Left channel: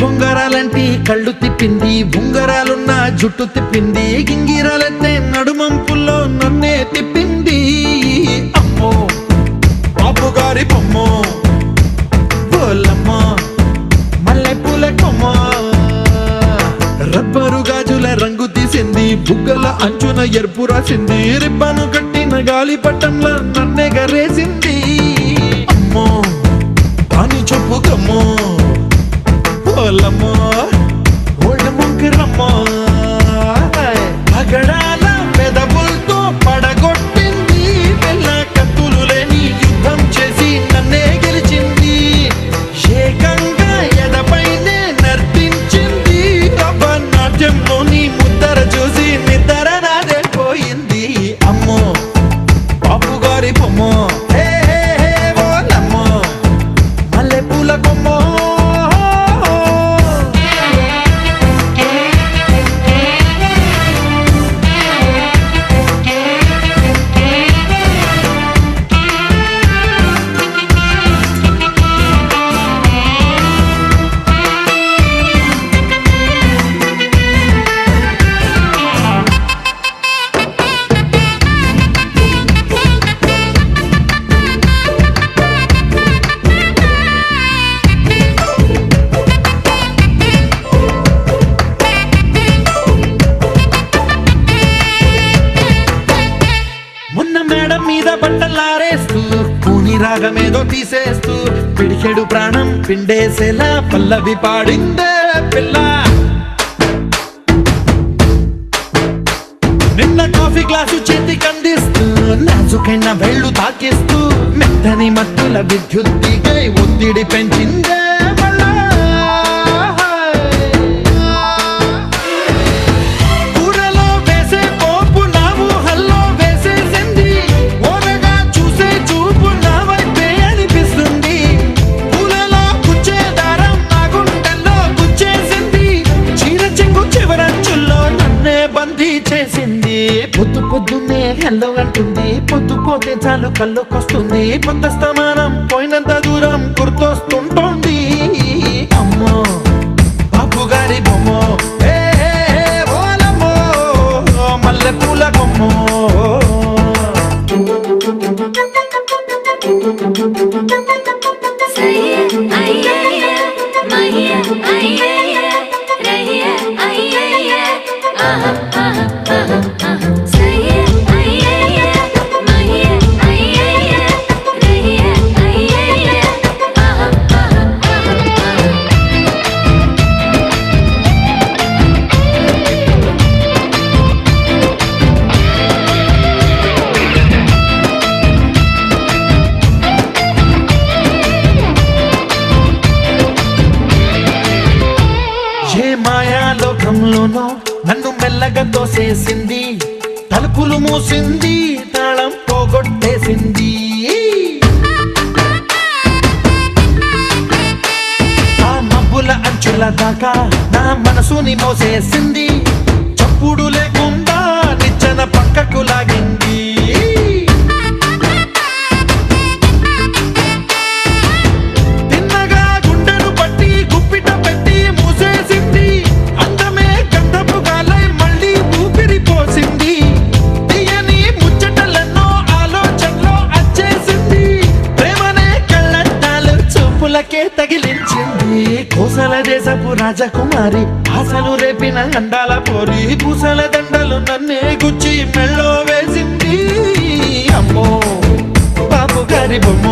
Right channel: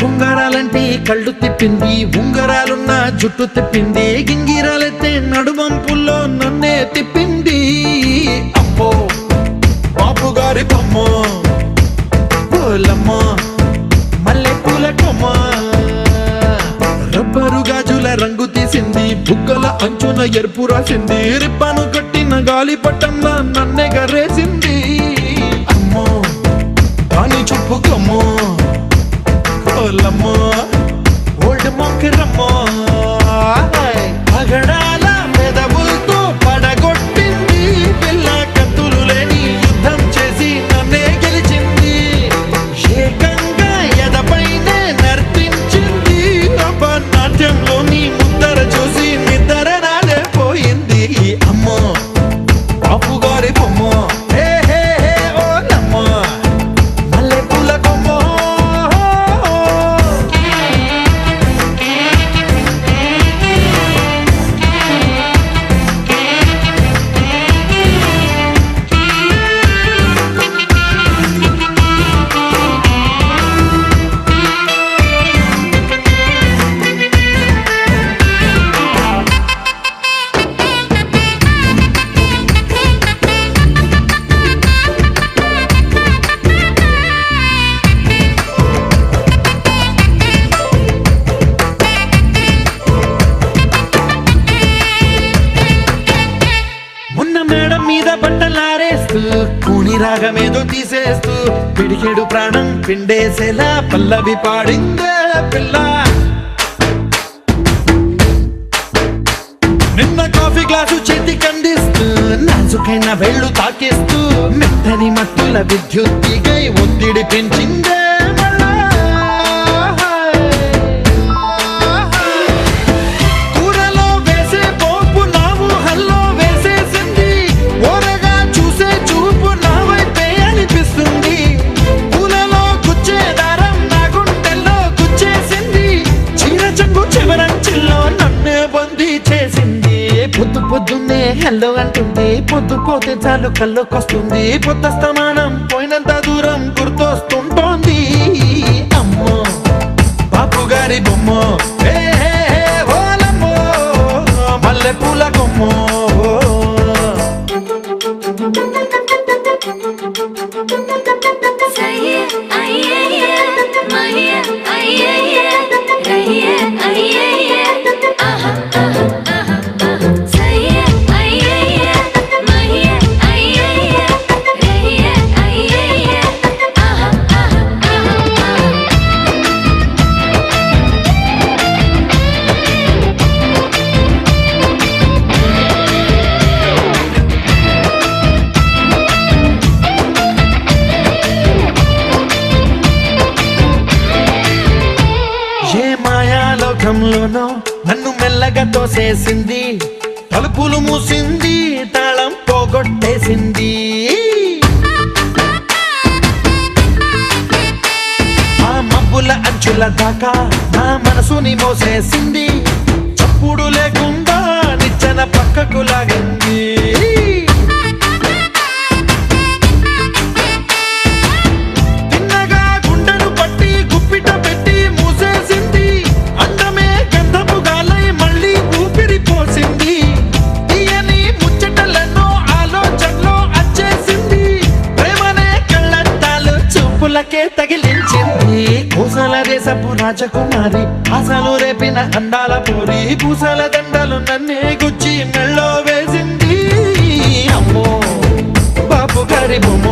బొంగరాలంటే కళ్ళు తిప్పింది, ఉంగరాలున్న జుట్టు తిప్పింది, గింగిరాలైతే నడుమంపుల్లో నన్నే తిప్పింది. అమ్మో బాపు గారి బొమ్మ, పోలమ్మ మల్లె పూల కొమ్మ, రబ్బరు గాజుల రంగు తీసింది, బుగ్గల అంచున ఎరుపు రాసింది, రిబ్బను కట్టిన గాలి పట్టంలా నన్నే గరేసింది. అమ్మో దాని చూపు కమ్మో, పోలమ్మో ఓల్డ్ మొంకిరమ్మో, పగడాల పెదవులతో పడగొట్టింది, పిల్ల కత్తులు లేని యుద్ధం చేసి నన్నే గెలిచింది, ఏకంగా ఎదపైనే నర్తించింది, నాట్యంలోని ముద్దర చూసి నిద్ర నాదే పోయింది. అమ్మో బాపు గారి బొమ్మ, హే హే హే ఓలమ్మ మల్లె పూల కొమ్మ. మేడం మీద బట్టలారేస్తూ కూని రాగమేదో తీసేస్తూ పిడికెడు ప్రాణం పిండేసేలా పల్లవి పాడిందే పిల్ల. నిన్న కాఫీ గ్లాసు చేతికి అందిస్తూ నాజుకైన వేళ్ళు తాకిస్తూ మెత్తని మత్తుల విద్యుత్తికై ఒత్తిడి పెంచిందే మళ్ళా. కూరలో వేసే పోపు నా ఊహల్లో వేసేసింది, ఓరగా చూసే చూపు నా వైపే అనిపిస్తుంది, పూలలో గుచ్చే దారం నా గుండెల్లో గుచ్చేసింది, చీర చెంగు చివరంచుల్లో నన్నే బందీ చేసింది. పొద్దు పొద్దున్నే హెల్లో అంటుంది, పొద్దు పోతే చాలు కళ్ళొకొస్తుంది, పొద్దస్తమానం పోయినంత దూరం గుర్తొస్తుంటోంది. అమ్మో బాపు గారి బొమ్మ, హే హే హే ఓలమ్మో మల్లె పూల కొమ్మ. ఏ మాయాలోకంలోనో నన్ను మెల్లగా తోసేసింది, తలుపులు మూసింది, తాళం పోగొట్టేసింది, ఆ మబ్బుల అంచుల దాకా నా మనసుని మోసేసింది, చప్పుడు లేకుండా నిచ్చెన పక్కకు లాగింది, పూలకే తగిలించింది, కోసల దేశపు రాజకుమారి, ఆశలు రేపిన అండాల పోరి, పూసల దండలు నన్నే గుచ్చి మెళ్ళో వేసింది. అమ్మో బాపు గారి బొమ్మ,